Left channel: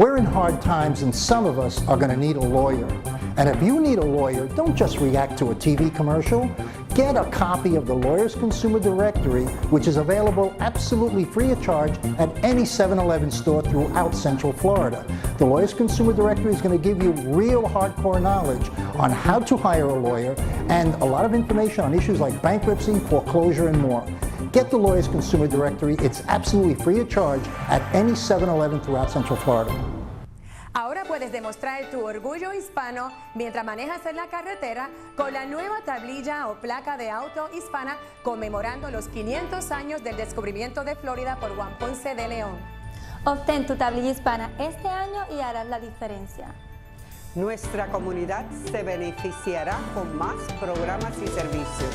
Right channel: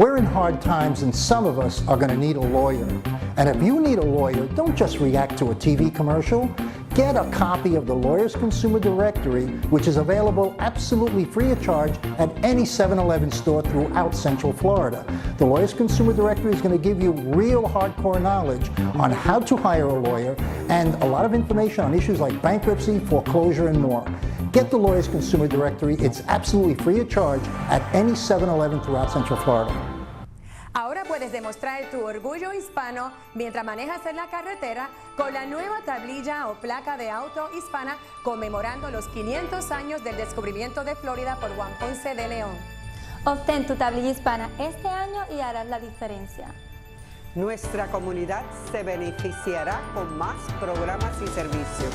We're in hard times and some of us are going to need a lawyer. And if you need a lawyer, don't just react to a TV commercial. Get a copy of the Lawyers Consumer Directory, which is available absolutely free of charge at any 7-Eleven store throughout Central Florida. The Lawyers Consumer Directory is going to give you real hardcore knowledge on how to hire a lawyer and a lot of information on issues like bankruptcy, foreclosure, and more. Get the Lawyers Consumer Directory. It's absolutely free of charge at any 7-Eleven throughout Central Florida. Ahora puedes demostrar tu orgullo hispano mientras manejas en la carretera con la nueva tablilla o placa de auto hispana conmemorando los 500 años del descubrimiento de Florida por Juan Ponce de León. Obtén tu tablilla hispana este año y harás la diferencia. Nuestra comunidad se beneficiará con más programas y servicios.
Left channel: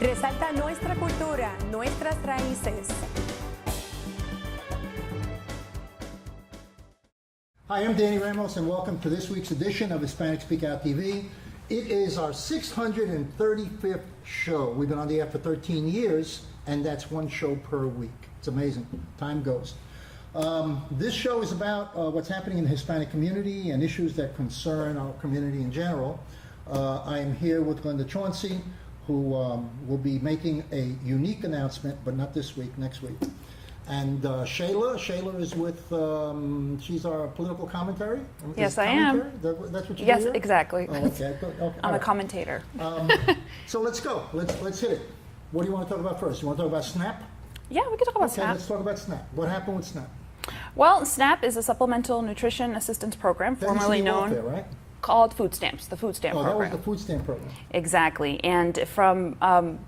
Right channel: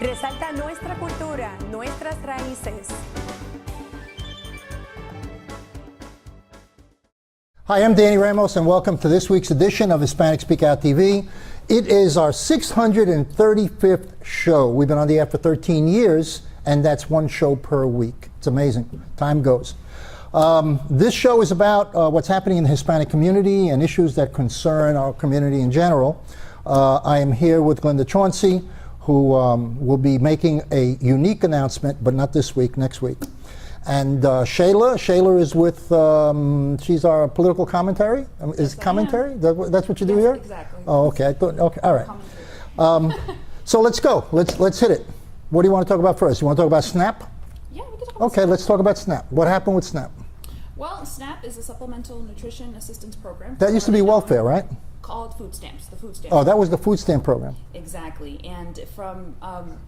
Resalta nuestra cultura, nuestras raíces. Hi, I'm Danny Ramos, and welcome to this week's edition of Hispanic Speak Out TV. It is our 635th show. We've been on the air for 13 years, and that's one show per week. It's amazing. Time goes. This show is about what's happening in the Hispanic community and issues that concern our community in general. I am here with Glenda Chauncey, who will be making a unique announcement, but not this week, next week. And Shayla is with, she's our political commentary? Yes, I commentary? am. That's what you do here? Yes, exactly. Oh, okay. I thought, okay, all I'm right. a commentator. So let's go. Let's hit it. What do you want to talk about first? You want to talk about SNAP? Yeah, we can talk about Okay, SNAP. let's talk about SNAP. What happened with SNAP? Well, SNAP is a supplemental nutrition assistance program. That used to be formerly known- welfare, right? Called food stamps, the food stamp Oh, that was program. the food stamp program. Exactly, and from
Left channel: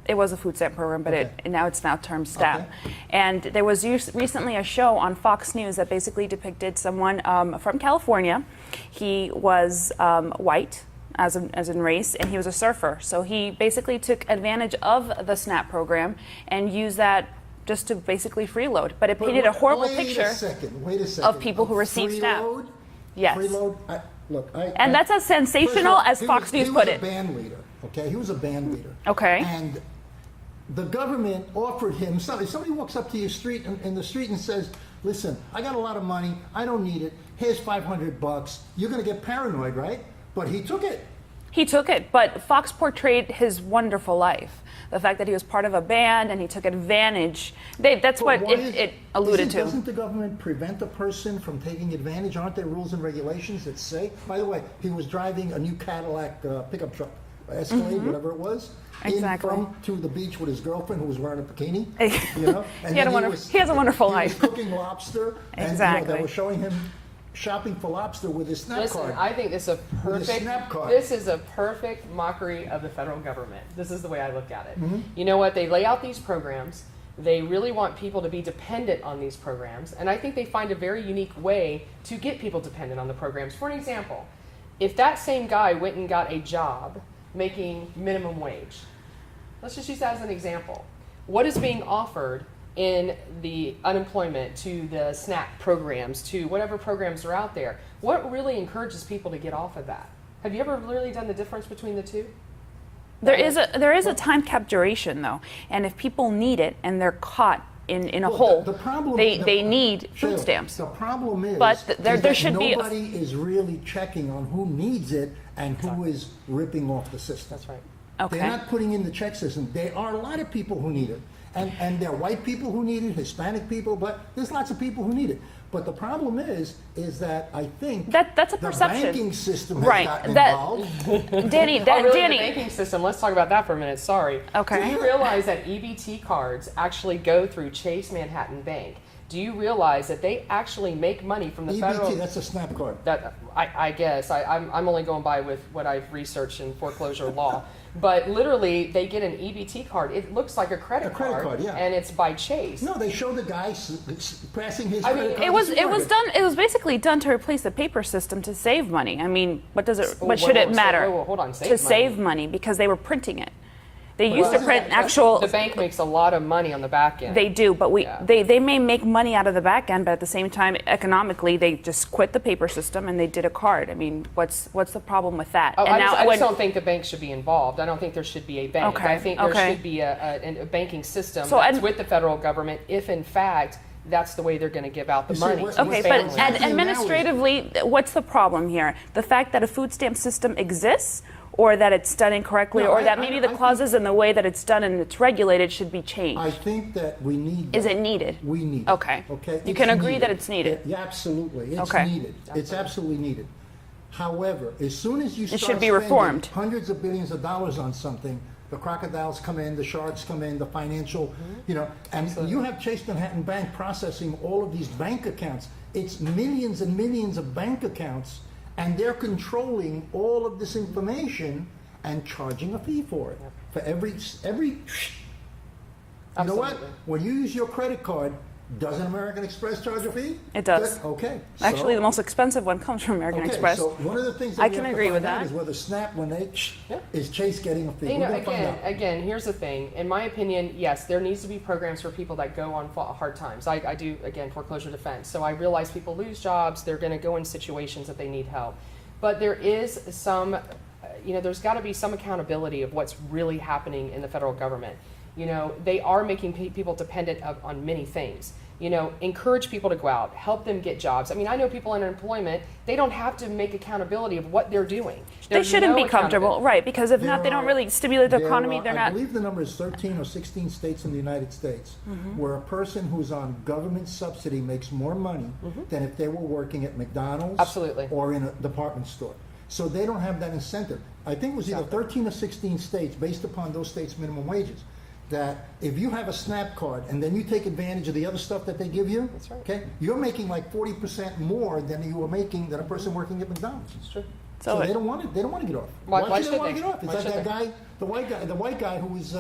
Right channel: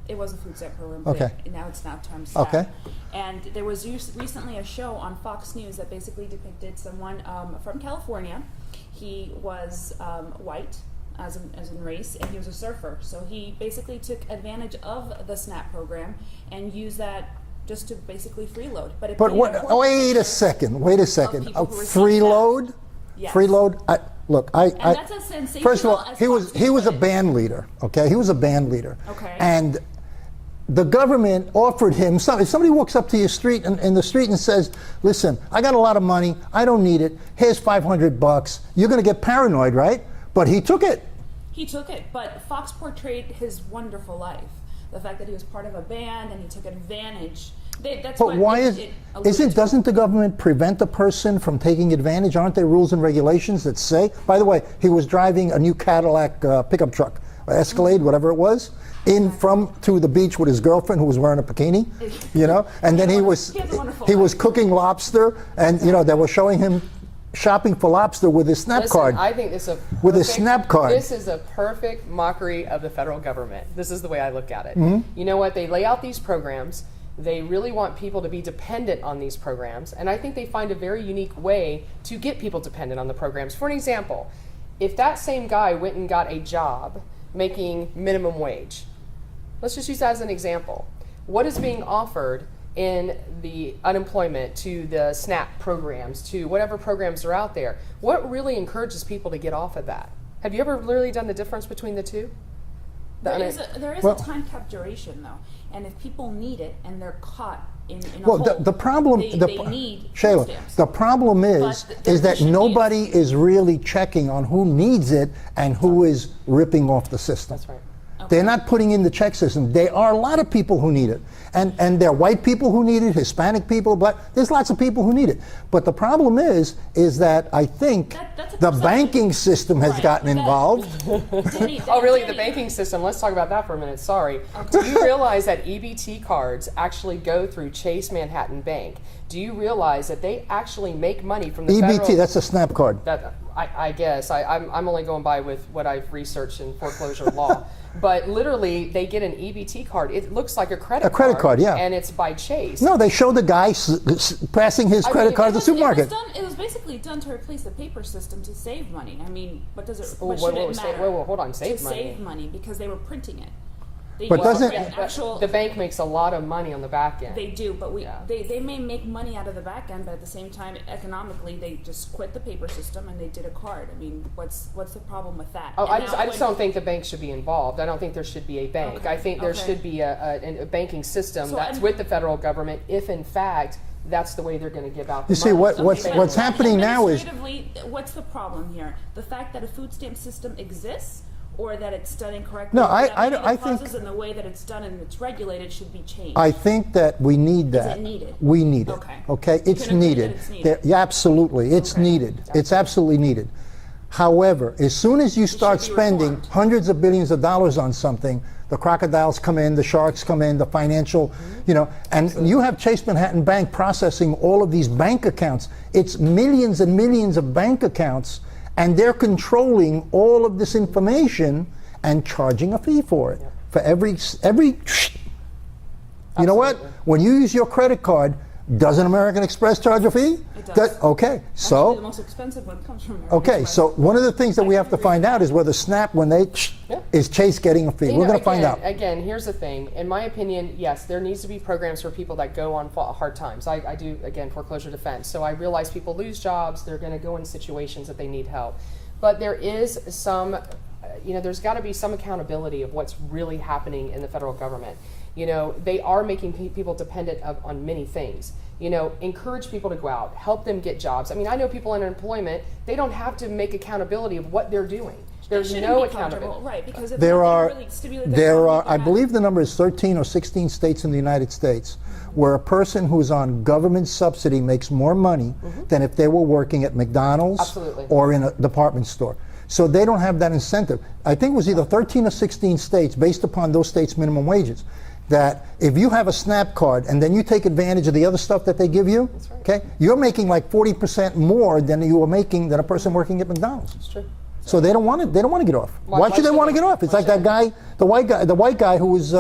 it was a food stamp program, but Okay. now it's termed SNAP. Okay. And there was recently a show on Fox News that basically depicted someone from California. He was white, as in race, and he was a surfer. So he basically took advantage of the SNAP program and used that just to basically freeload. But it painted a horrible wait picture a second. of people who received SNAP. Freeload? Yes. Freeload? And that's as sensational as Fox News He was put a it. band leader, okay? He was a band leader. Okay. And the government offered him, if somebody walks up to your street in the street and says, listen, I got a lot of money, I don't need it, here's $500, you're going to get paranoid, right? But he took it. He took it, but Fox portrayed his wonderful life. The fact that he was part of a band and he took advantage. That's But what why it alluded to. Doesn't the government prevent a person from taking advantage? Aren't there rules and regulations that say? By the way, he was driving a new Cadillac pickup truck, Escalade, whatever it was, to the beach with his girlfriend who was wearing a bikini, you know, and then he has a wonderful he life. was cooking lobster, and you know they were showing him shopping for lobster with his SNAP card. I think this is with his SNAP card. This is a perfect mockery of the federal government. This is the way I look at it. You know what? They lay out these programs. They really want people to be dependent on these programs, and I think they find a very unique way to get people dependent on the programs. For an example, if that same guy went and got a job making minimum wage, let's just use that as an example. What is being offered in the unemployment, to the SNAP programs, to whatever programs are out there? What really encourages people to get off of that? Have you ever really done the difference between the two? There is a time cap duration, though, and if people need it and they're caught in a hole, the problem, they need Shayla, food stamps. The problem is that nobody is really checking on who needs it and who is ripping off the system. That's right. Okay. They're not putting in the check system. There are a lot of people who need it. And there are white people who need it, Hispanic people, but there's lots of people who need it. But the problem is that I think that's a the perception. banking system has gotten involved. Danny, Danny. The banking system, let's talk about that for a minute, sorry. Okay. Do you realize that EBT cards actually go through Chase Manhattan Bank? Do you realize that they actually make money from the federal... EBT, that's a SNAP card. I guess. I'm only going by with what I've researched in foreclosure law. But literally, they get an EBT card. It looks like a credit card. A credit card, yeah. And it's by Chase. No, they show the guy passing his credit card to the supermarket. It was basically done to replace the paper system to save money. I mean, what should should it matter? Hold on, save money because they were printing it. They But used to doesn't- print actual. The bank makes a lot of money on the back end. They do, but they may make money out of the back end, but at the same time, economically, they just quit the paper system and they did a card. I mean, what's the problem with that? I just don't think the bank should be involved. I don't think there should be a bank. Okay, I think there should be a banking system that's with the federal government if, in fact, that's the way they're going to give out the You see, money. what- to what's- the but what's families. happening now is- administratively, what's the problem here? The fact that a food stamp system exists, or that it's done incorrectly, No, or I- that maybe I the think- clauses and the way that it's done and it's regulated should be changed? I think that we need that. Is it needed? We need it. Okay. Okay. You It's can agree needed. that it's needed? Yeah, absolutely. It's Okay. needed. It's absolutely needed. However, as soon as you start be spending reformed. hundreds of billions of dollars on something, the crocodiles come in, the sharks come in, the financial, and you have Chase Manhattan Bank processing all of these bank accounts. It's millions and millions of bank accounts, and they're controlling all of this information and charging a fee for it. For every. You know what? Absolutely. When you use your credit card, doesn't American Express charge a fee? It does. Okay. So Actually, the most expensive one comes from American okay. Express. So one of the things that I we can have to agree with find out that. is whether Snap, when they Yeah. is Chase getting a fee. You We're know, going to find out. Again, here's the thing. In my opinion, yes, there needs to be programs for people that go on hard times. I do, again, foreclosure defense. So I realize people lose jobs. They're going to go in situations that they need help. But there is some, there's got to be some accountability of what's really happening in the federal government. They are making people dependent on many things. Encourage people to go out, help them get jobs. I mean, I know people in unemployment, they don't have to make accountability of what they're doing. they There's shouldn't no be comfortable, accountability. right? Because if not, they don't really stimulate the there economy. are, They're I not- believe the number is 13 or 16 states in the United States Mm-hmm. where a person who's on government subsidy makes more money than if they were working at McDonald's Absolutely. or in a department store. So they don't have that incentive. I think it was either 13 or 16 states, based upon those states' minimum wages, that if you have a SNAP card and then you take advantage of the other stuff that they give you, That's right. okay, you're making like 40% more than you were making than a person working at McDonald's. It's true. So they don't want to. They don't want to get off. Why Why should they should want to they? get off? It's Why like should that guy, the white guy who was,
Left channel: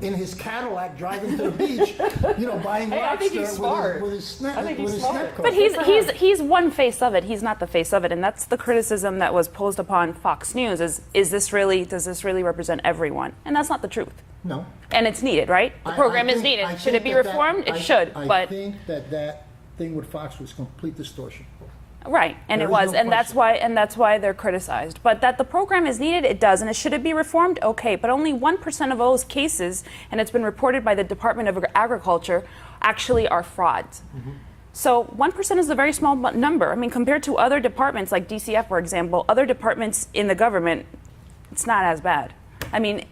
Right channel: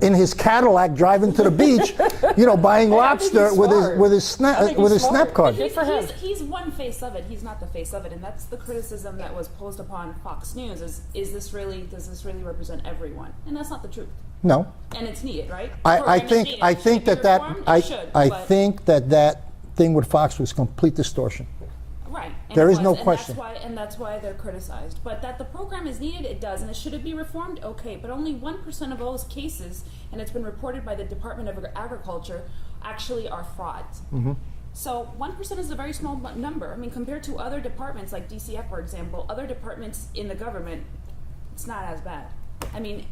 in his Cadillac driving to the beach, buying Hey, I think lobster he's with smart. his snap I think with he's his snap smart. card. But he's, Good for him. he's one face of it. He's not the face of it, and that's the criticism that was posed upon Fox News. Does this really represent everyone? And that's not the truth. No, And it's needed, right? The program is needed. Should it be reformed? It should. I but think that thing with Fox was complete distortion. right, and There it is was, no and question. that's why they're criticized. But that the program is needed, it does, and should it be reformed? Okay, but only 1% of those cases, and it's been reported by the Department of Agriculture, actually are frauds. Mm-hmm. So 1% is a very small number. I mean, compared to other departments like DCF, for example, other departments in the government, it's not as bad. I mean,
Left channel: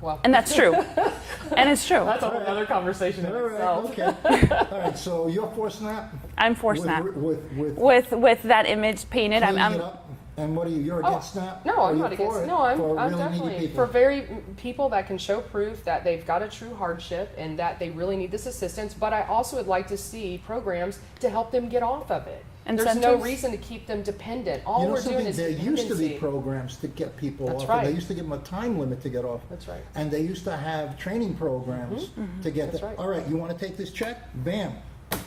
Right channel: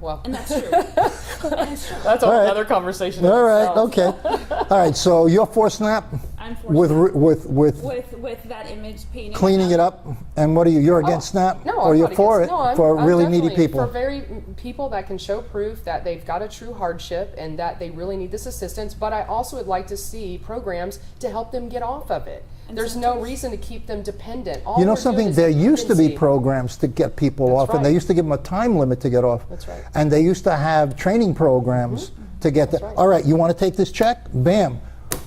Well, and that's true, and it's true. that's a whole other conversation. in All right, itself. okay. All right, so you're for SNAP? I'm for with, SNAP. With With that image painted. cleaning it up? And what are you? You're against SNAP? No, or I'm you're not for against, it? No, I'm, for I'm really needy definitely people? For very people that can show proof that they've got a true hardship and that they really need this assistance. But I also would like to see programs to help them get off of it. There's no Incentives? reason to keep them dependent. All You know we're doing something? is There used to be dependency. programs to get people That's off, and they right. used to give them a time limit to get off. That's right. And they used to have training programs to get that. right. All right, you want to take this check? Bam,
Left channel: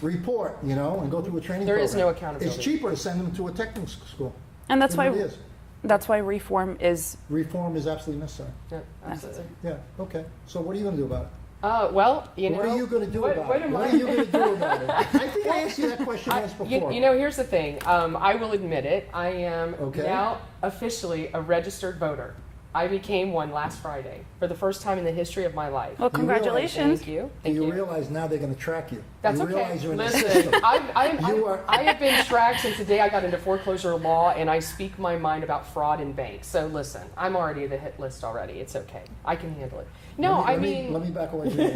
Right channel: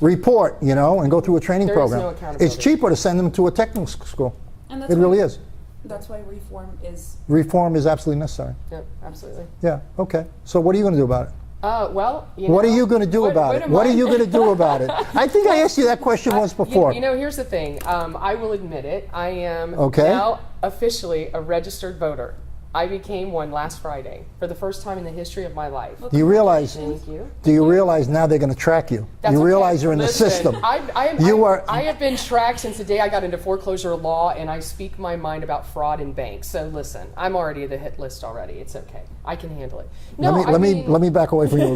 report. And go through a training There is program. no accountability. It's cheaper to send them to a technical school. And that's it why really is. That's why reform is. Reform is absolutely necessary. Yeah, absolutely. Yeah. Okay. So what are you going to do about it? Well, What are you going to do about it? What are you going to do about it? I think I asked you that question once before. Here's the thing. I will admit it. I am Okay. now officially a registered voter. I became one last Friday for the first time in the history of my life. Well, Do you realize? congratulations. Thank you. Do you realize now they're going to track you? That's You okay. realize you're in the Listen, system. I have been tracked since the day I got into foreclosure law, and I speak my mind about fraud in banks. So listen, I'm already the hit list already. It's okay. I can handle it. No, let me back away from you.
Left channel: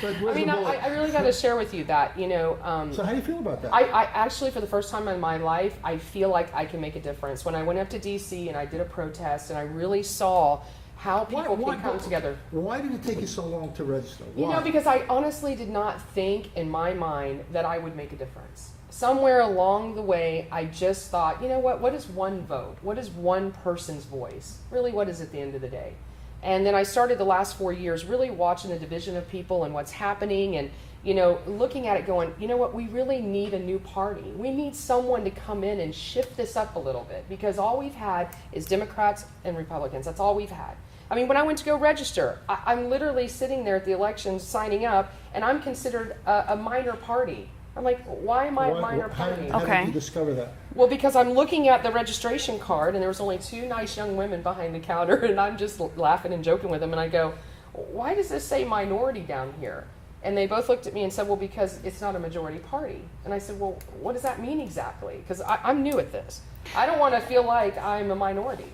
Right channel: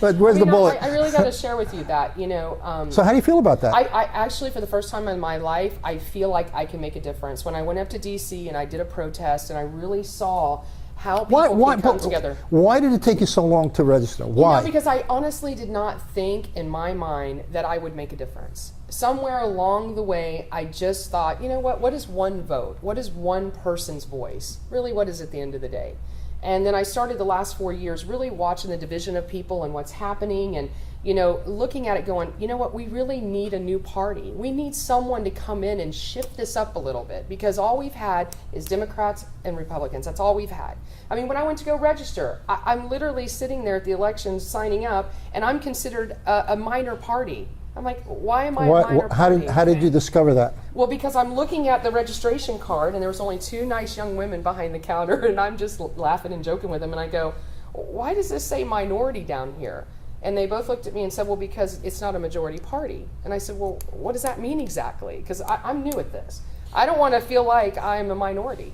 But where's the bullet? I really got to share with you that So how do you feel about that? I actually, for the first time in my life, I feel like I can make a difference. When I went up to D.C. and I did a protest, and I really saw how people can come together. Why did it take you so long to register? Why? Because I honestly did not think in my mind that I would make a difference. Somewhere along the way, I just thought, what is one vote? What is one person's voice? Really, what is it at the end of the day? And then I started the last 4 years really watching the division of people and what's happening and, looking at it going, we really need a new party. We need someone to come in and shift this up a little bit because all we've had is Democrats and Republicans. That's all we've had. I mean, when I went to go register, I'm literally sitting there at the elections signing up and I'm considered a minor party. I'm like, why am I a minor party? How did you discover that? Well, because I'm looking at the registration card, and there was only 2 nice young women behind the counter, and I'm just laughing and joking with them, and I go, why does this say minority down here? And they both looked at me and said, well, because it's not a majority party. And I said, well, what does that mean exactly? Because I'm new at this. I don't want to feel like I'm a minority.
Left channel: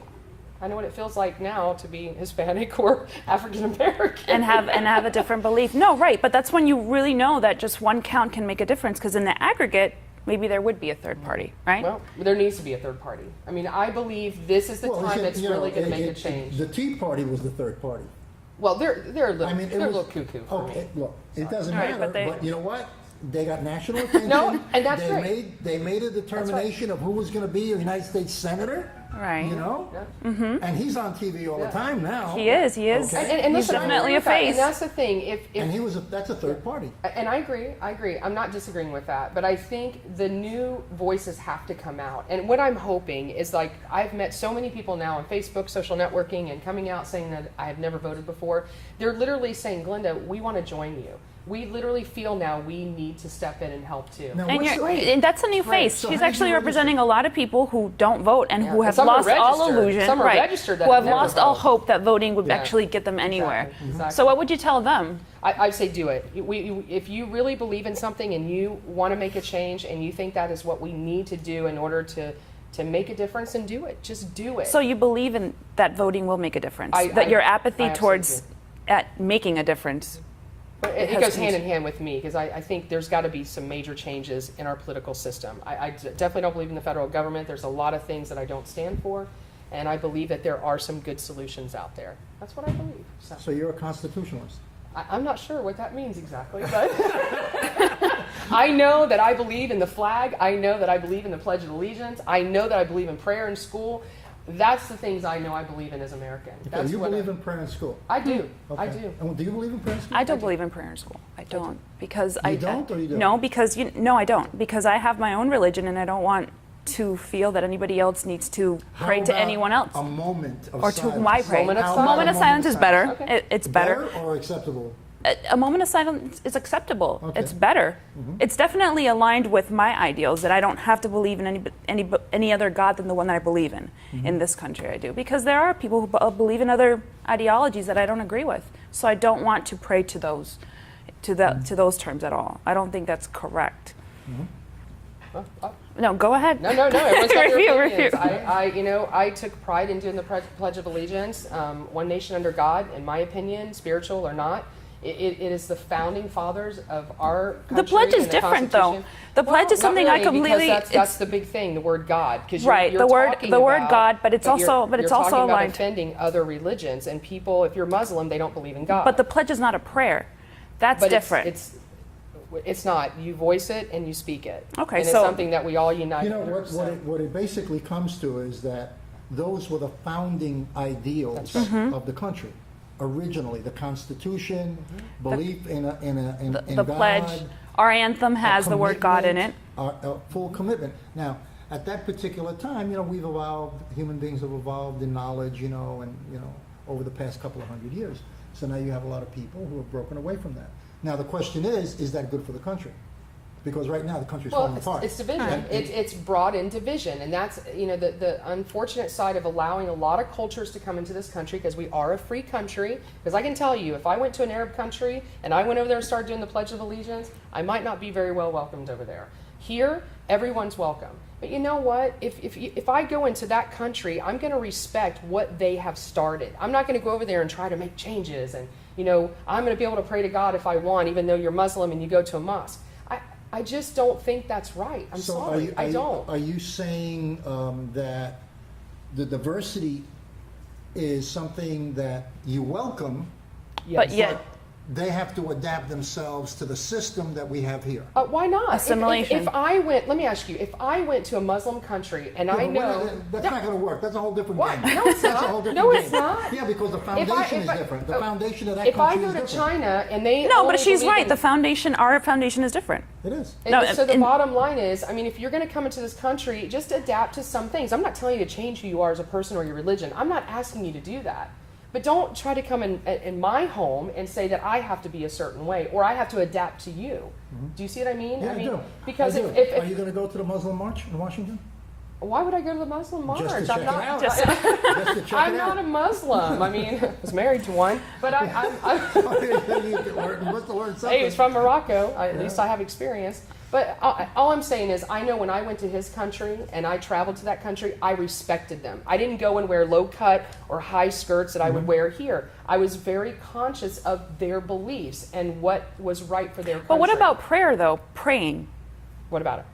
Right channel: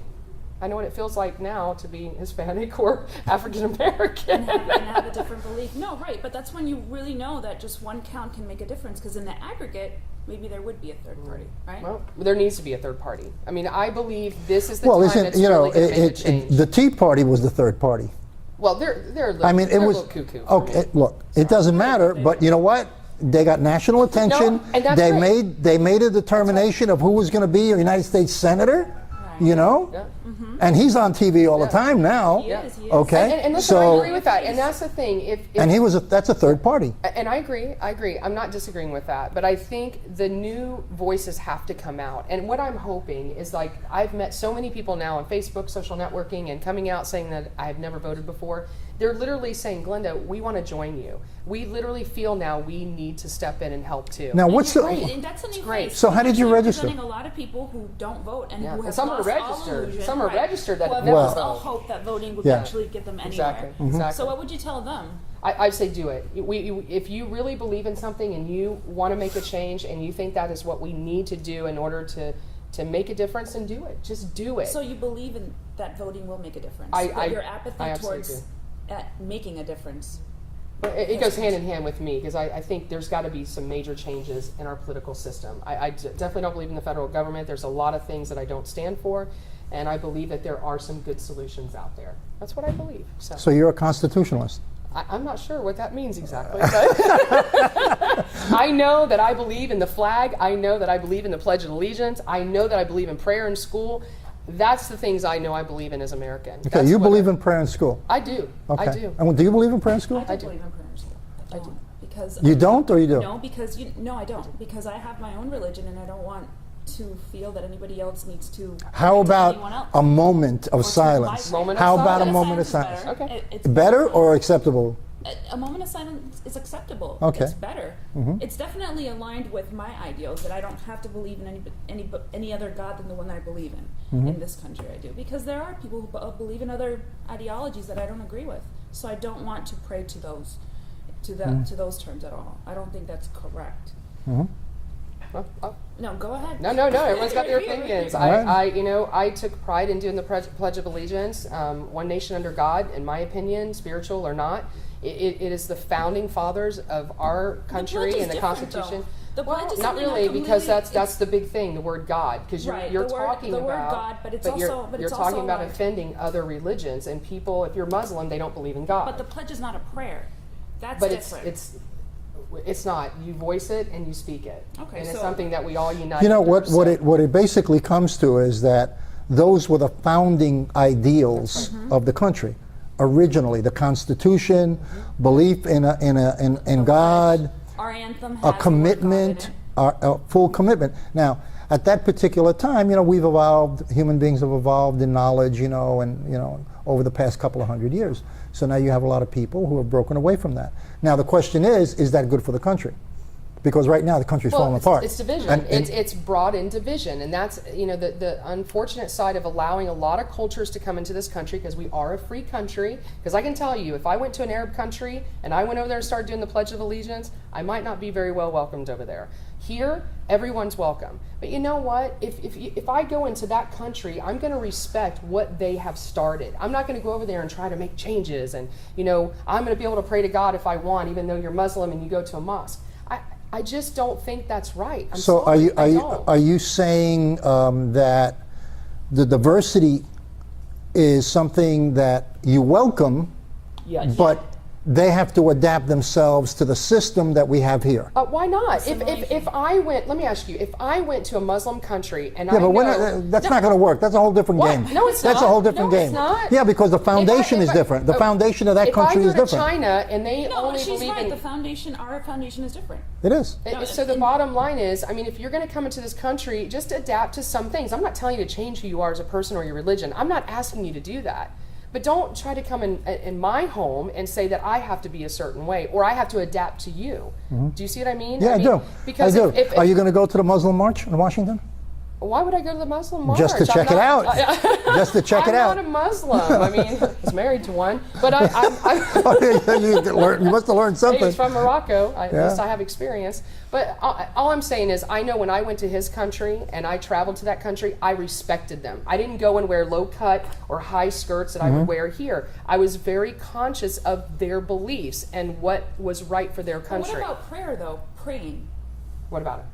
I know what it feels like now to be Hispanic or African American. and have a different belief. No, right, but that's when you really know that just one count can make a difference, because in the aggregate, maybe there would be a third party, right? Well, there needs to be a third party. I mean, I believe this is the Well, time isn't, that's you know, really going to make a change. the Tea Party was the third party. Well, they're a little, I mean, it they're was a little cuckoo for okay. me. Look, it doesn't Right, matter, but but they- you know what? They got national attention. and that's they great. made a determination of who was going to be a United States senator. Right. You know, Yeah. and he's on TV all the time now. He is. Okay. And He's so, definitely a face. and that's the thing. If And that's a third party. And I agree. I'm not disagreeing with that. But I think the new voices have to come out. And what I'm hoping is, like, I've met so many people now on Facebook, social networking, and coming out saying that I have never voted before. They're literally saying, Glenda, we want to join you. We literally feel now we need to step in and help too. Now, And, what's and that's a new face. So He's how did you actually register? representing a lot of people who don't vote and who And have some are lost all registered. illusion. Some are right. registered that who have have never lost all voted. hope that voting would Yeah. actually get them anywhere. Exactly. So what would you tell them? I say do it. If you really believe in something and you want to make a change and you think that is what we need to do in order to make a difference, then do it. Just do it. So you believe in that voting will make a difference? I- that your I apathy absolutely towards do. at making a difference? It has goes to hand be- in hand with me because I think there's got to be some major changes in our political system. I definitely don't believe in the federal government. There's a lot of things that I don't stand for, and I believe that there are some good solutions out there. That's what I believe. So you're a constitutionalist. I'm not sure what that means exactly, but I know that I believe in the flag. I know that I believe in the Pledge of Allegiance. I know that I believe in prayer in school. That's the things I know I believe in as American. Okay, That's you what believe in prayer in school. I do. Okay. I do. And do you believe in prayer in school? I don't believe in prayer in school. I don't because You I don't, or you do? No, because no, I don't, because I have my own religion and I don't want to feel that anybody else needs to How pray to about anyone else. a moment of or to silence? my prayer. Moment of How about silence. a moment of better. silence? Okay. It's Better or acceptable? A moment of silence is acceptable. Okay. It's better. It's definitely aligned with my ideals that I don't have to believe in any other God than the one that I believe in. In this country, I do, because there are people who believe in other ideologies that I don't agree with. So I don't want to pray to those, to those terms at all. I don't think that's correct. No, go ahead. No. It was not your Review. opinions. I took pride in doing the Pledge of Allegiance. One nation under God, in my opinion, spiritual or not. It is the founding fathers of our country. The pledge is and the different, though. Constitution. The pledge is Not something I really, completely- because that's it's- the big thing, the word God. Because Right, you're the word- talking the word about- God, but it's you're- also you're talking about aligned. offending other religions and people. If you're Muslim, they don't believe in God. But the pledge is not a prayer. That's But different. It's not. You voice it and you speak it. Okay, and it's so- something that we all unite. You know under, what it basically comes to is that those were the founding ideals of the country. Originally, the Constitution, belief in the God, pledge. Our anthem a has the word God in commitment, it. a full commitment. Now, at that particular time, we've evolved. Human beings have evolved in knowledge, and over the past couple of hundred years. So now you have a lot of people who have broken away from that. Now the question is that good for the country? Because right now the country's falling apart. It's division. And- It's brought in division, and that's the unfortunate side of allowing a lot of cultures to come into this country, because we are a free country. Because I can tell you, if I went to an Arab country and I went over there and started doing the Pledge of Allegiance, I might not be very well welcomed over there. Here, everyone's welcome. But you know what? If I go into that country, I'm going to respect what they have started. I'm not going to go over there and try to make changes, and I'm going to be able to pray to God if I want, even though you're Muslim and you go to a mosque. I just don't think that's right. I'm So sorry, I don't. are you saying that the diversity is something that you welcome, Yes. But yet- but they have to adapt themselves to the system that we have here? Why not? Assimilation. If I went, let me ask you, if I went to a Muslim country and Yeah, I but know that's not going to work. That's a whole different What? game. No, it's That's not. a whole different No, game. it's not. Yeah, because the foundation is different. The foundation of that country if I is go to different. China and they No, only but she's believe right. in- Our foundation is different. It is. No, so the and- bottom line is, I mean, if you're going to come into this country, just adapt to some things. I'm not telling you to change who you are as a person or your religion. I'm not asking you to do that. But don't try to come in my home and say that I have to be a certain way or I have to adapt to you. Do you see what I mean? Yeah, I mean, do. Because I do. if Are you going to go to the Muslim March in Washington? Why would I go to the Muslim march? Just to check it out. Just to check it out. I'm not a Muslim. I mean, I was married to one, but I'm You must have learned something. he's from Morocco. At least I have experience. But all I'm saying is, I know when I went to his country and I traveled to that country, I respected them. I didn't go and wear low cut or high skirts that I would wear here. I was very conscious of their beliefs and what was right for their country. But what about prayer, though? Praying. What about it?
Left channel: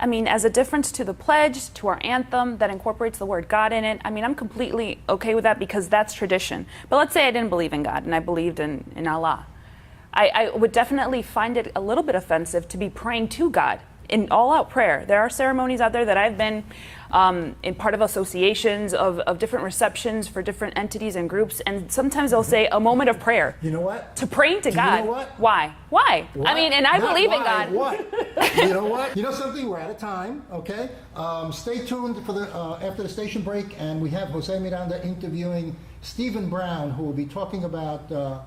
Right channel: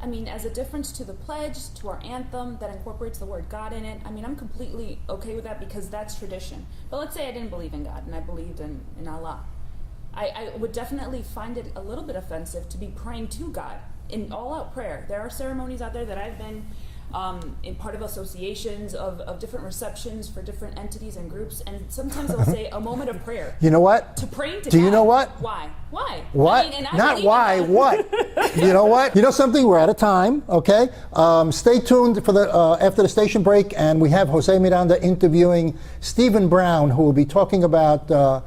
I mean, as a difference to the pledge, to our anthem that incorporates the word God in it, I mean, I'm completely okay with that because that's tradition. But let's say I didn't believe in God and I believed in Allah. I would definitely find it a little bit offensive to be praying to God in all-out prayer. There are ceremonies out there that I've been in part of associations of different receptions for different entities and groups, and sometimes they'll say a moment of prayer. You know what? To praying to Do God. you know what? Why? Why? What? I mean, and I Not believe why, in God. What? You know what? You know something? We're out of time. Okay. Stay tuned for the after the station break, and we have Jose Miranda interviewing Stephen Brown, who will be talking about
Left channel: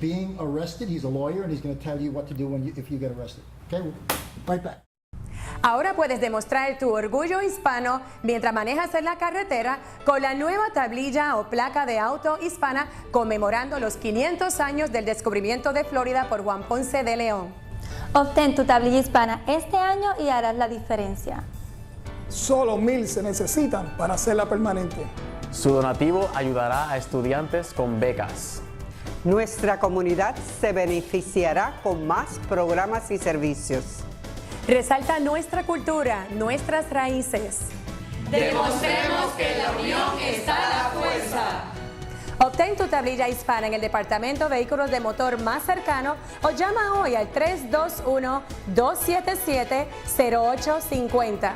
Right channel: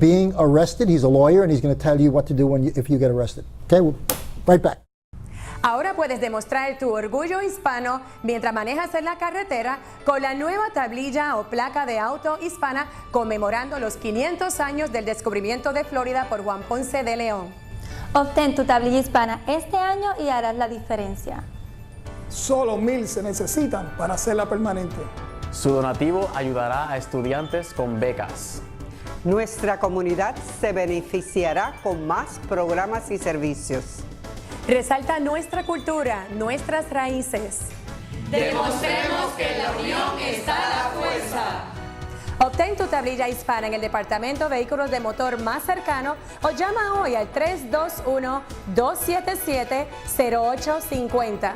being arrested. He's a lawyer, and he's going to tell you what to do if you get arrested. Okay. We'll right back. Ahora puedes demostrar tu orgullo hispano mientras manejas en la carretera con la nueva tablilla o placa de auto hispana conmemorando los 500 años del descubrimiento de Florida por Juan Ponce de León. Obtén tu tablilla hispana este año y harás la diferencia. Solo 1,000 se necesitan para hacerla permanente. Su donativo ayudará a estudiantes con becas. Nuestra comunidad se beneficiará con más programas y servicios. Resalta nuestra cultura, nuestras raíces. Demostremos que en la unión está la fuerza. Obtén tu tablilla hispana en el Departamento de Vehículos de Motor más cercano o llama hoy al 321-277-0850.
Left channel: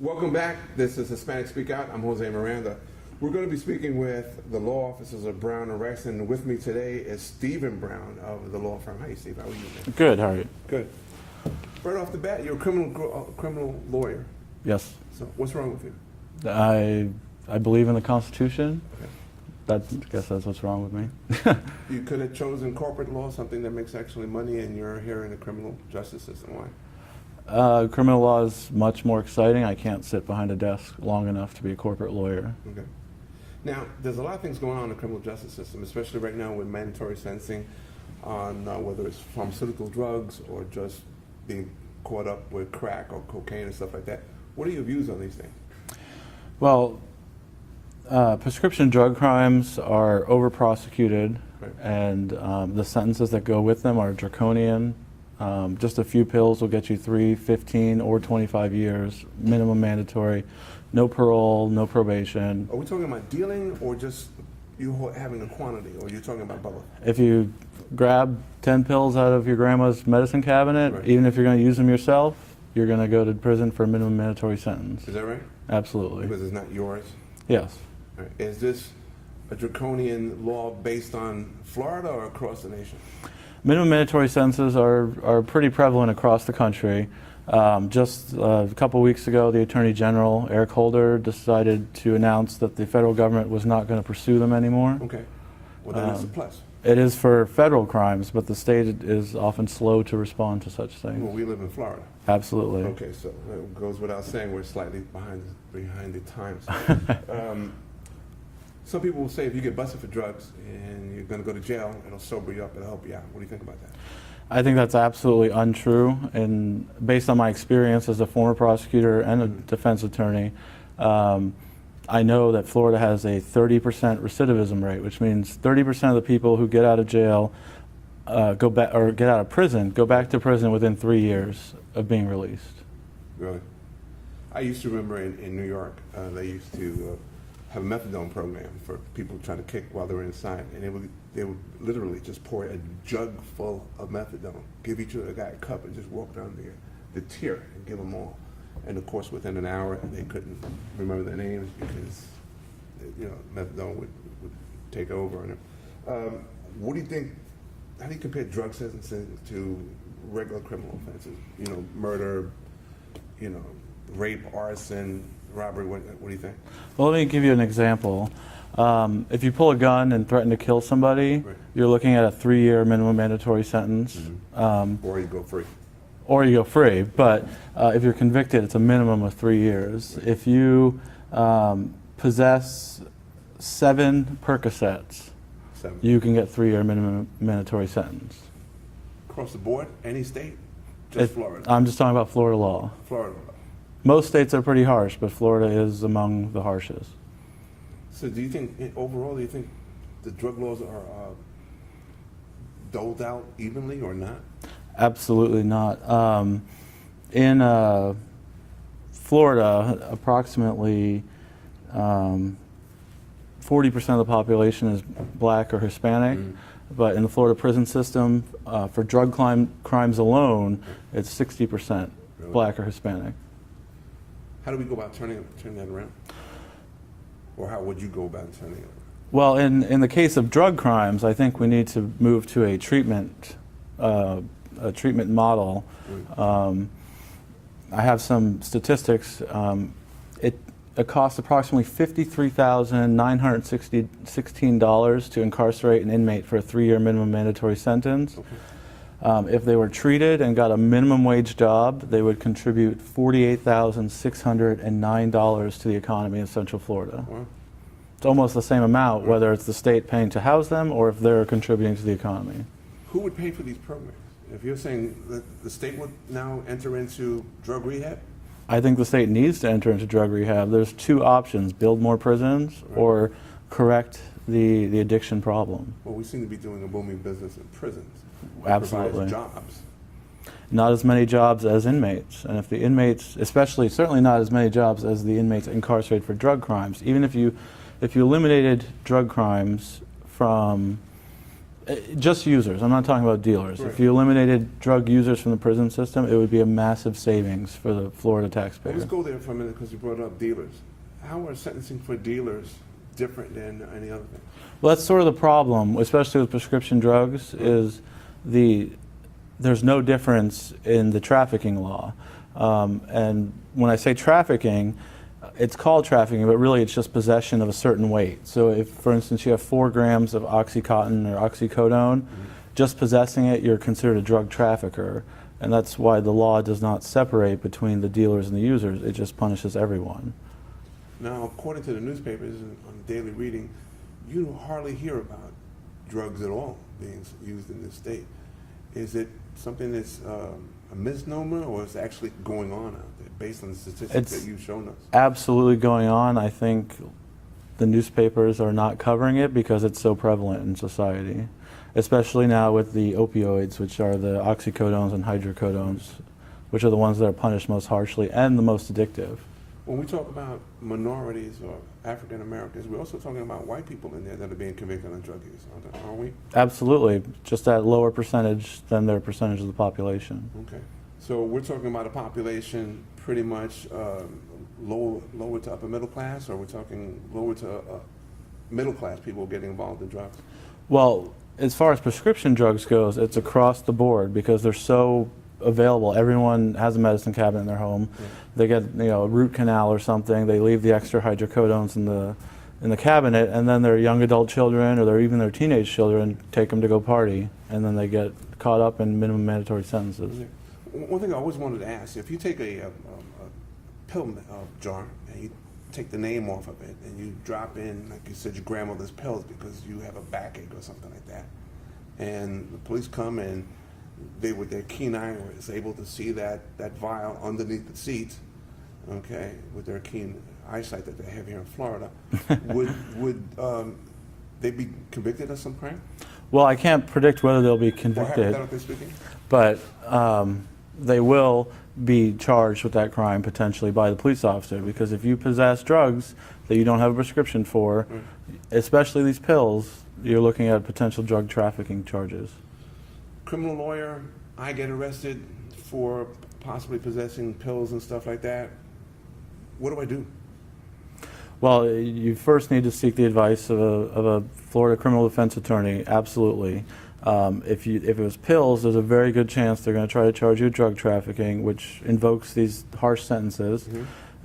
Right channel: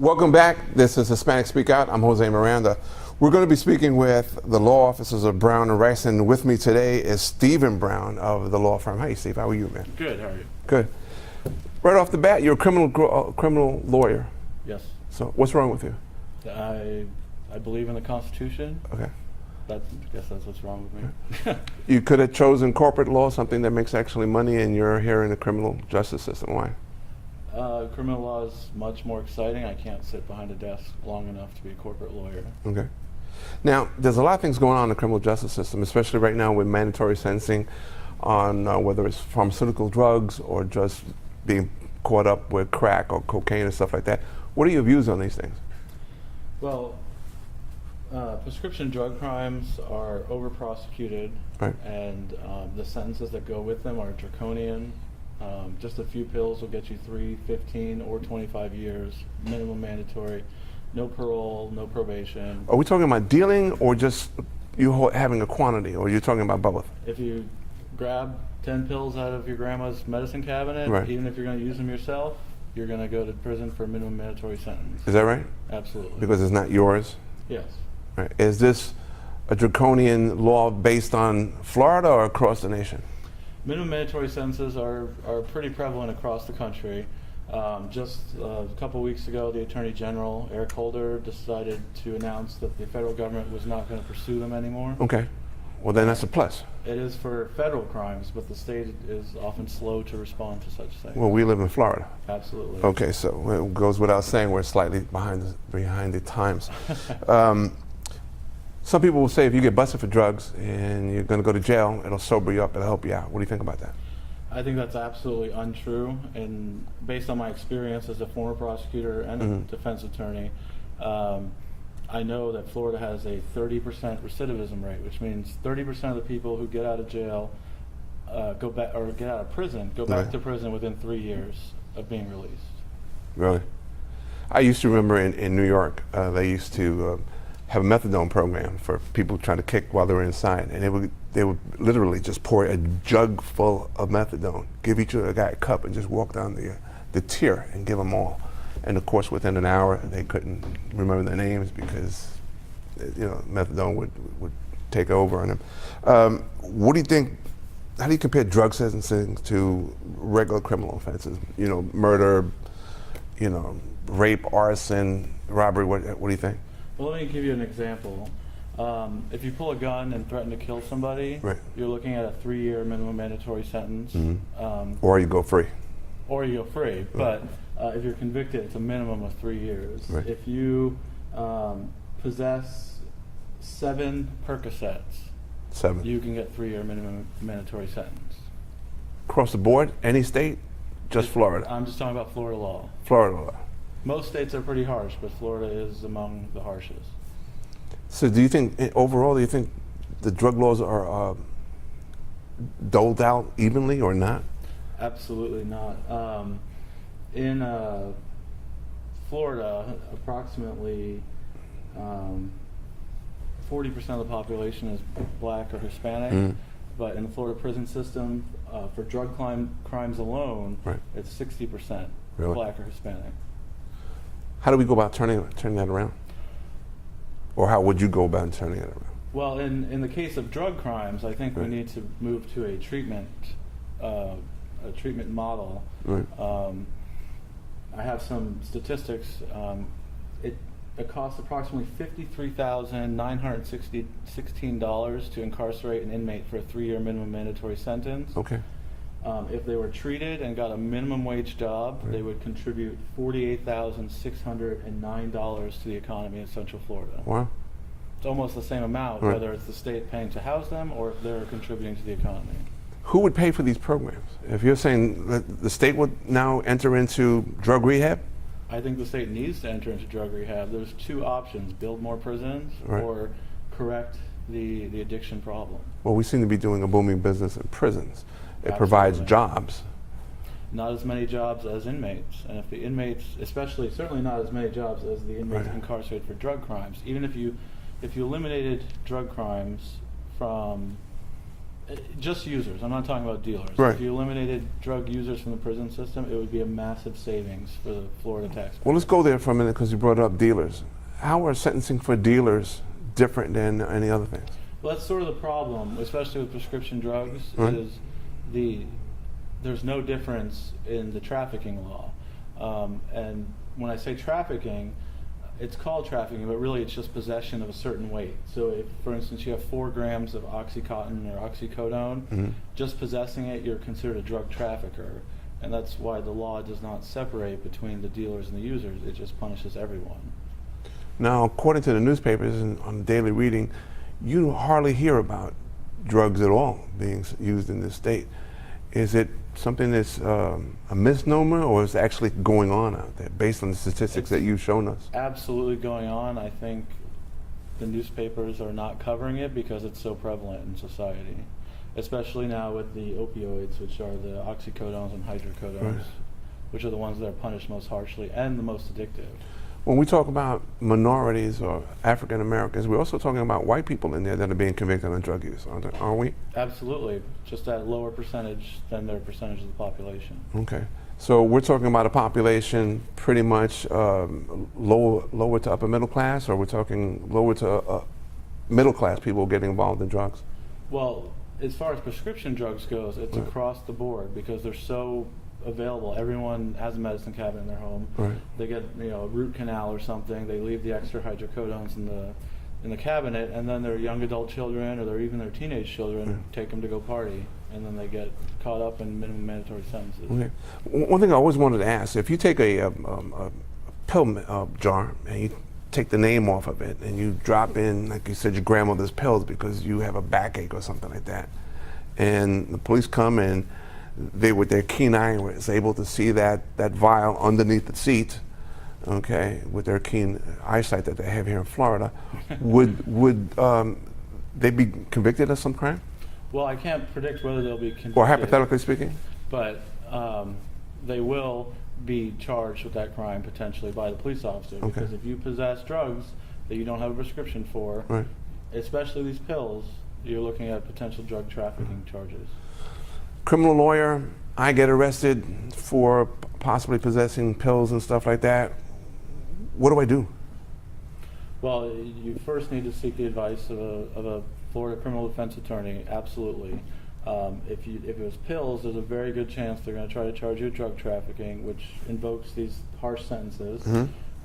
Welcome back. This is Hispanic Speak Out. I'm Jose Miranda. We're going to be speaking with the law officers of Brown and Rice, and with me today is Stephen Brown of the law firm. Hey, Steve, how are you, man? Good. How are you? Good. Right off the bat, you're a criminal lawyer. Yes. So, what's wrong with you? I believe in the Constitution. Okay. I guess that's what's wrong with me. You could have chosen corporate law, something that makes actually money, and you're here in the criminal justice system. Why? Criminal law is much more exciting. I can't sit behind a desk long enough to be a corporate lawyer. Okay. Now, there's a lot of things going on in the criminal justice system, especially right now with mandatory sentencing on whether it's pharmaceutical drugs or just being caught up with crack or cocaine and stuff like that. What are your views on these things? Well, prescription drug crimes are over-prosecuted, right, and the sentences that go with them are draconian. Just a few pills will get you 3, 15, or 25 years, minimum mandatory. No parole, no probation. Are we talking about dealing or just you having a quantity, or you're talking about both? If you grab 10 pills out of your grandma's medicine cabinet, right, even if you're going to use them yourself, you're going to go to prison for a minimum mandatory sentence. Is that right? Absolutely. Because it's not yours? Yes. Right. Is this a draconian law based on Florida or across the nation? Minimum mandatory sentences are pretty prevalent across the country. Just a couple weeks ago, the Attorney General, Eric Holder, decided to announce that the federal government was not going to pursue them anymore. Okay. Well, then that's a plus. It is for federal crimes, but the state is often slow to respond to such things. Well, we live in Florida. Absolutely. Okay, so it goes without saying we're slightly behind the times. Some people will say if you get busted for drugs and you're going to go to jail, it'll sober you up, it'll help you out. What do you think about that? I think that's absolutely untrue, and based on my experience as a former prosecutor and a defense attorney, I know that Florida has a 30% recidivism rate, which means 30% of the people who get out of jail go back, or get out of prison, go back to prison within 3 years of being released. Really? I used to remember in New York, they used to have a methadone program for people trying to kick while they were inside, and they would literally just pour a jug full of methadone, give each other a guy a cup, and just walk down the tier and give them all. And of course, within an hour, they couldn't remember their names because methadone would take over on them. What do you think? How do you compare drug sentencing to regular criminal offenses? Murder, rape, arson, robbery. What do you think? Well, let me give you an example. If you pull a gun and threaten to kill somebody, you're looking at a 3-year minimum mandatory sentence. Or you go free. Or you go free. But if you're convicted, it's a minimum of 3 years. Right. If you possess 7 Percocets, you can get 3-year minimum mandatory sentence. Across the board, any state? Just Florida? I'm just talking about Florida law. Florida law. Most states are pretty harsh, but Florida is among the harshest. So do you think, overall, do you think the drug laws are doled out evenly or not? Absolutely not. In Florida, approximately 40% of the population is black or Hispanic, but in the Florida prison system, for drug crimes alone, it's 60% black or Hispanic. How do we go about turning that around? Or how would you go about turning it around? Well, in the case of drug crimes, I think we need to move to a treatment model. I have some statistics. It costs approximately $53,916 to incarcerate an inmate for a 3-year minimum mandatory sentence. Okay. If they were treated and got a minimum wage job, they would contribute $48,609 to the economy in Central Florida. Wow. It's almost the same amount, whether it's the state paying to house them or if they're contributing to the economy. Who would pay for these programs? If you're saying that the state would now enter into drug rehab? I think the state needs to enter into drug rehab. There's 2 options: build more prisons or correct the addiction problem. Well, we seem to be doing a booming business in prisons. It Absolutely. provides jobs. Not as many jobs as inmates. And if the inmates, certainly not as many jobs as the inmates incarcerated for drug crimes. Even if you eliminated drug crimes from just users, I'm not talking about dealers. If you eliminated drug users from the prison system, it would be a massive savings for the Florida taxpayer. Well, let's go there for a minute because you brought up dealers. How are sentencing for dealers different than any other things? Well, that's sort of the problem, especially with prescription drugs, is there's no difference in the trafficking law. And when I say trafficking, it's called trafficking, but really it's just possession of a certain weight. So if, for instance, you have 4 grams of Oxycontin or oxycodone, just possessing it, you're considered a drug trafficker. And that's why the law does not separate between the dealers and the users. It just punishes everyone. Now, according to the newspapers and on daily reading, you hardly hear about drugs at all being used in this state. Is it something that's a misnomer, or is it actually going on out there based on the statistics that you've shown us? Absolutely going on. I think the newspapers are not covering it because it's so prevalent in society, especially now with the opioids, which are the oxycodones and hydrocodones, which are the ones that are punished most harshly and the most addictive. When we talk about minorities or African Americans, we're also talking about white people in there that are being convicted on drug use, aren't we? Absolutely, just at a lower percentage than their percentage of the population. Okay, so we're talking about a population pretty much lower to upper middle class, or we're talking lower to middle class people getting involved in drugs? Well, as far as prescription drugs goes, it's across the board because they're so available. Everyone has a medicine cabinet in their home. They get a root canal or something. They leave the extra hydrocodones in the cabinet, and then their young adult children or even their teenage children take them to go party, and then they get caught up in minimum mandatory sentences. Okay. One thing I always wanted to ask: if you take a pill jar and you take the name off of it and you drop in, like you said, your grandmother's pills because you have a backache or something like that, and the police come and they, with their keen eye, was able to see that vial underneath the seat, okay, with their keen eyesight that they have here in Florida, would they be convicted of some crime? Well, I can't predict whether they'll be convicted. Or hypothetically speaking? But they will be charged with that crime potentially by the police officer, because if you possess drugs that you don't have a prescription for, especially these pills, you're looking at potential drug trafficking charges. Criminal lawyer, I get arrested for possibly possessing pills and stuff like that. What do I do? Well, you first need to seek the advice of a Florida criminal defense attorney, absolutely. If it was pills, there's a very good chance they're going to try to charge you with drug trafficking, which invokes these harsh sentences.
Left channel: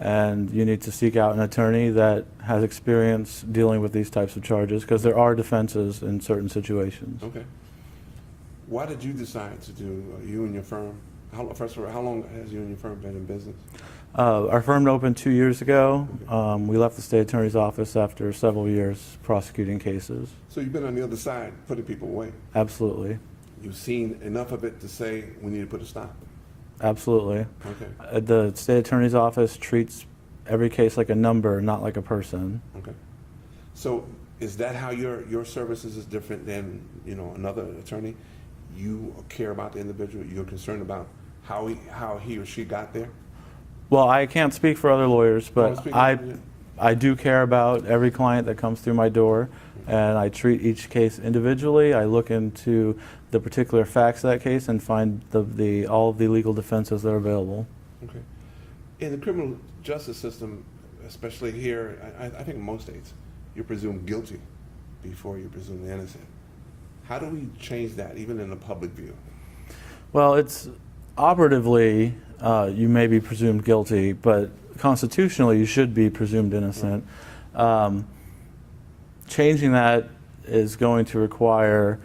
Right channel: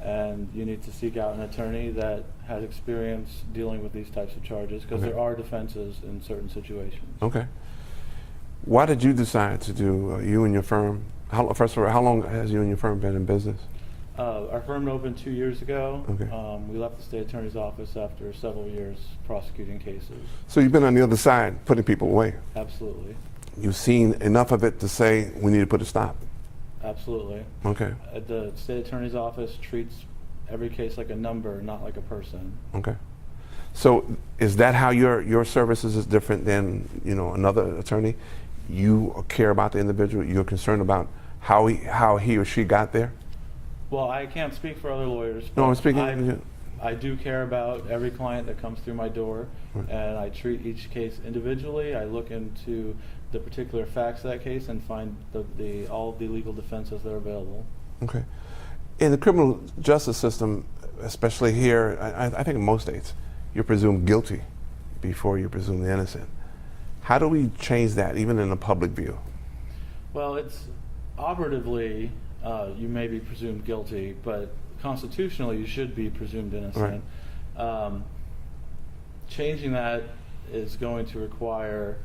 and you need to seek out an attorney that has experience dealing with these types of charges, because there are defenses in certain situations. Okay. Why did you decide to do, you and your firm, first of all, how long has you and your firm been in business? Our firm opened 2 years ago. Okay. We left the state attorney's office after several years prosecuting cases. So you've been on the other side, putting people away. Absolutely. You've seen enough of it to say we need to put a stop. Absolutely. Okay. The state attorney's office treats every case like a number, not like a person. Okay. So is that how your services is different than, you know, another attorney? You care about the individual. You're concerned about how he or she got there. Well, I can't speak for other lawyers, No, I'm but speaking I do care about every client that comes through my door, and I treat each case individually. I look into the particular facts of that case and find all of the legal defenses that are available. Okay. In the criminal justice system, especially here, I think in most states, you're presumed guilty before you're presumed innocent. How do we change that, even in the public view? Well, it's operatively, you may be presumed guilty, but constitutionally you should be presumed innocent. Right. Changing that is going to require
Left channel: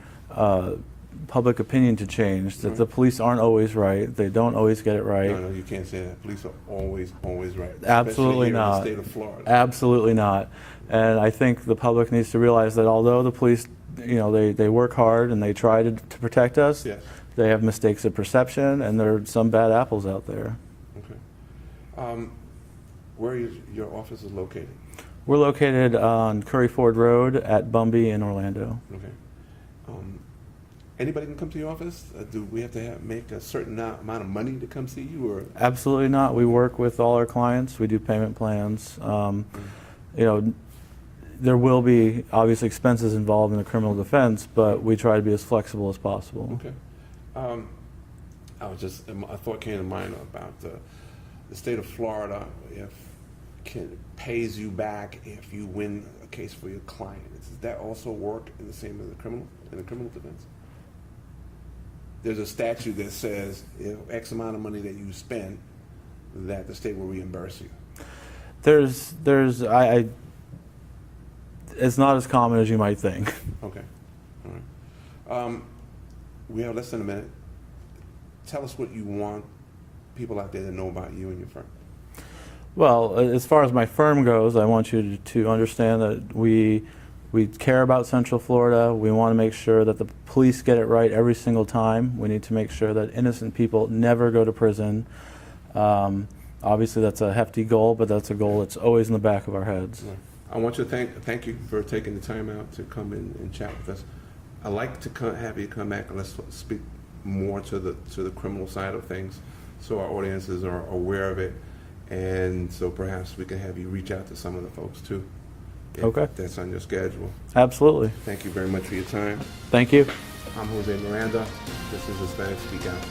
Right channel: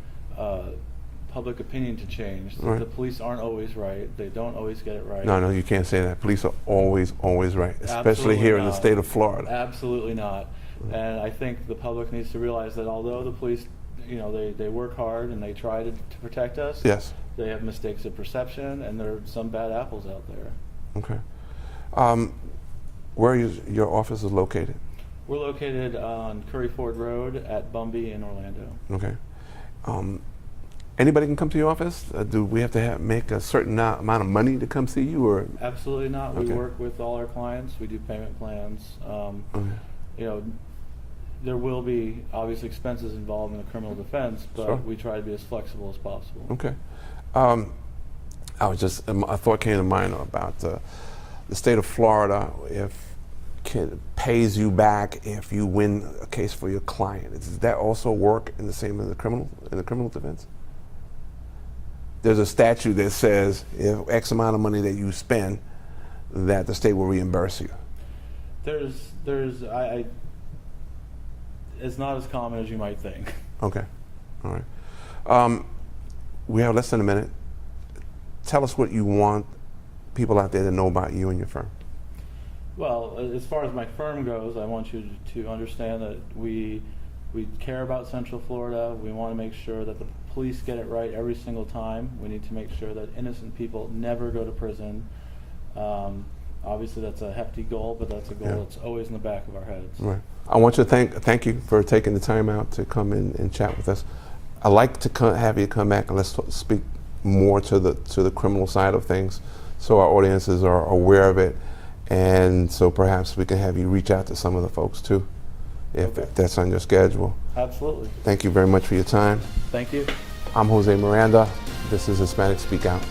public opinion to change. That the police aren't always right. They don't always get it right. No, you can't say that. Police are always right, especially Absolutely here not. in the state of Florida. Absolutely not. And I think the public needs to realize that although the police, you know, they work hard and they try to protect us, yes, they have mistakes of perception, and there are some bad apples out there. Okay. Where is your office is located? We're located on Curry Ford Road at Bumby in Orlando. Okay. Anybody can come to your office? Do we have to make a certain amount of money to come see you, or? Absolutely not. Okay. We work with all our clients. We do payment plans. You know, there will be obviously expenses involved in the criminal defense, but we try to be as flexible as possible. Okay. A thought came to mind about the state of Florida. Pays you back if you win a case for your client. Does that also work in the same in the criminal defense? There's a statute that says if X amount of money that you spend, that the state will reimburse you. It's not as common as you might think. Okay, all right. We have less than a minute. Tell us what you want people out there to know about you and your firm. Well, as far as my firm goes, I want you to understand that we care about Central Florida. We want to make sure that the police get it right every single time. We need to make sure that innocent people never go to prison. Obviously, that's a hefty goal, but that's a goal that's always in the back of our heads. Right. I want to thank you for taking the time out to come in and chat with us. I'd like to have you come back and let's speak more to the criminal side of things, so our audiences are aware of it. And so perhaps we can have you reach out to some of the folks too, if that's on your schedule. Absolutely. Thank you very much for your time. Thank you. I'm Jose Miranda. This is Hispanic Speak Out.